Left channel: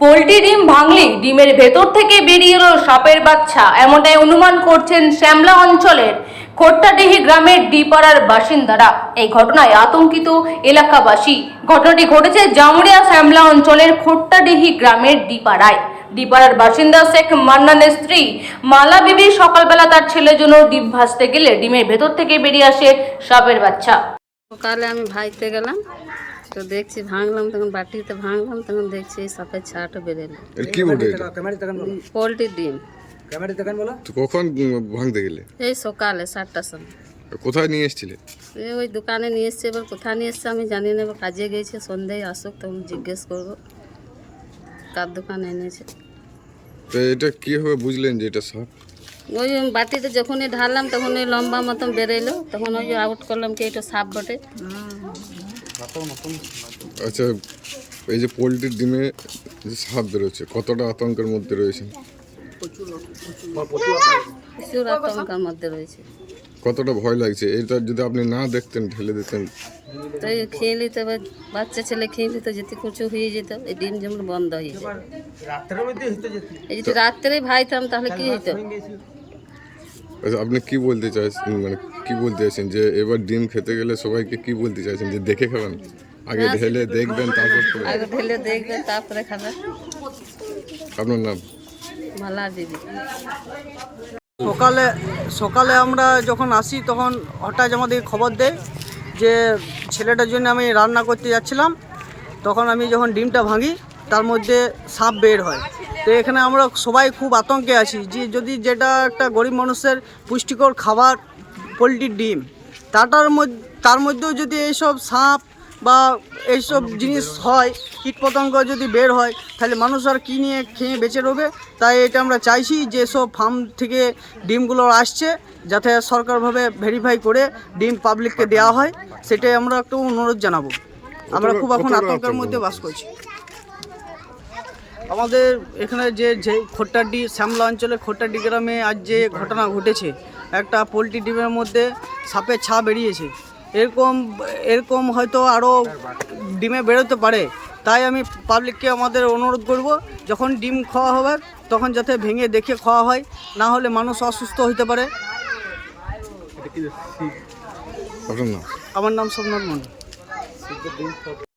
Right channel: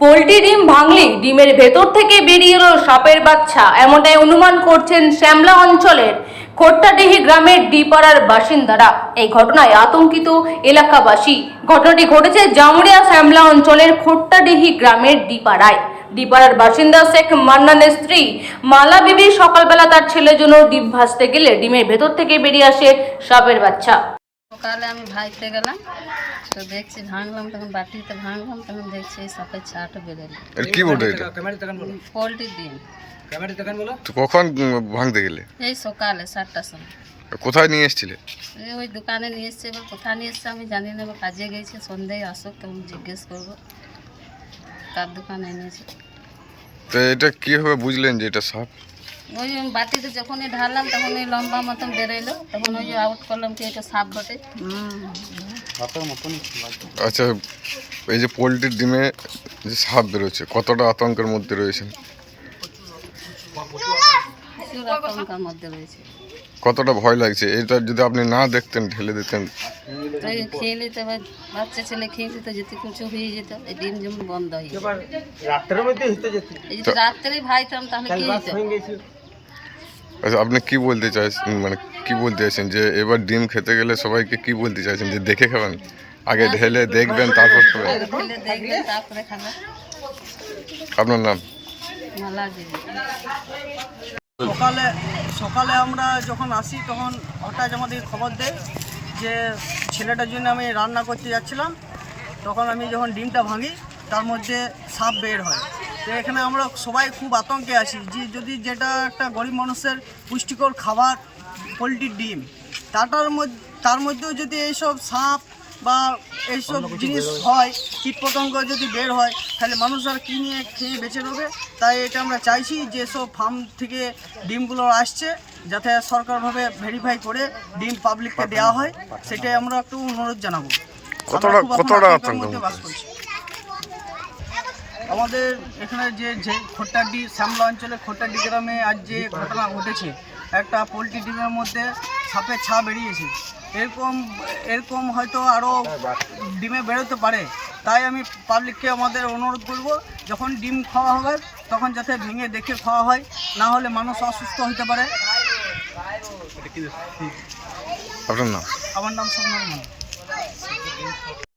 Poultry ডিম ভাঙলেই ডিমের ভেতর থেকে বেরিয়ে এলো সাপের বাচ্চা, এমনটাই অনুমান করছেন শ্যামলা অঞ্চলের খোট্টাডিহি গ্রামের ডিপাড়ার বাসিন্দারা। এই ঘটনায় আতঙ্কিত এলাকাবাসী। ঘটনাটি ঘটেছে জামুড়িয়া শ্যামলা অঞ্চলের খোট্টাডিহি গ্রামের ডিপাড়ার বাসিন্দা শেখ মান্নানের স্ত্রী মালা বিবি সকালবেলা তার ছেলের জন্য ডিম ভাজতে গেলে ডিমের ভেতর থেকে বেরিয়ে আসে সাপের বাচ্চা। সকালে আমি ভাইতে গেলাম, তো দেখছি ভাঙলাম, তখন বাটিতে ভাঙলাম, তখন দেখছি এই সাপের ছাটা বেরোলো। কি বলতে এটা? পোল্ট্রি ডিম। তো কখন ভাঙতে গেলে? এই সকালে 7টার সময়। কোথায় নিয়ে এসেছিলে? ওই দোকানে নিয়ে এসছে, এবার কোথায় নিয়ে এসছে আমি জানি না, এবার কাজে গেছে, সন্ধ্যায় আসুক তখন জিজ্ঞেস করবো কার দোকানে এনেছে। তো এটা কীভাবে বুঝলেন যে এটা সাপ? ওই বাটিতে যখনই ঢাললাম তখন ওই লম্বা মতন বেরোলো, তখন ওই যে আউট করলাম কি এটা সাপ বটে। আচ্ছা, এই যে পোলট্রির ডিমে যে সাপ বেরোচ্ছে, কতটা আতঙ্কের মধ্যে রয়েছেন? প্রচুর আতঙ্কের মধ্যে রয়েছে। কতটা ভয় লাগছে? এটা যদি আপনি না দেখতেন, ঢেলে দিতেন? তো এই খেয়ে নিতে, বাচ্চা ছেলে খেয়ে নিত, যেতে কিছু হয়ে যেত, এই ডিম যেমন বন্ধ হয়ে যেত। এই যদি রাত্রেই ভাইতাম তাহলে কি হতো? আচ্ছা, আপনি কি বলতে চাইছেন, মানে কি বলতে চাইছেন যে এবার ডিম খেতে গেলে সবাইকে কি বলতে চাইছেন, যে দেখে খাবেন? আগে ঢেলে দেখবেন তারপর খাবেন? আগে ঢেলে দেখবেন তারপরে খাবেন। আপনার নাম? মালা দিদি। সকালে আমরা যখন আসি তখন হঠাৎ আমাদের খবর দেয় যে ছেলেটার জন্য আমি রান্না করতে যাচ্ছিলাম, তখন আমি যখন ডিমটা ভাঙি তার মধ্যে সাপ বের হয়। তো এখানে আমরা সবাই খুব আতঙ্কে আছি যে যদি যেটা একটা গরিব মানুষের পুষ্টিকর খাবার পোলট্রির ডিম, তার মধ্যেও যদি এইসব সাপ বা এইসব জিনিস হয়, কীটপতঙ্গ যদি বের হয়, তাহলে মানুষ আর কী নিয়ে খেয়ে বেঁচে রবে। তাই এটা আমরা চাইছি যে সব ফার্ম থেকে ডিমগুলো আসছে যাতে সরকারভাবে ভেরিফাই করে ডিম পাবলিককে দেওয়া হয়, সেটাই আমরা একটু অনুরোধ জানাবো। আমরা খুব এখন আতঙ্কের মধ্যে বাস করছি। আমাদের এখানে যে খোট্টাডি শ্যামলা অঞ্চলে খোট্টাডি গ্রামে আজ যে ঘটনা ঘটেছে, একটা পোলট্রি ডিমের মধ্যে সাপের ছা বেরিয়েছে। এরকম হয়তো আরও ডিমে বেরোতে পারে। তাই আমি পাবলিককে আমাদের অনুরোধ করব, যখন ডিম খাওয়া হবে তখন যাতে ভেঙে দেখে খাওয়া হয়, না হলে মানুষ অসুস্থ হতে পারে। আপনার নাম? আমার নাম সোমনাথ মন্ডল।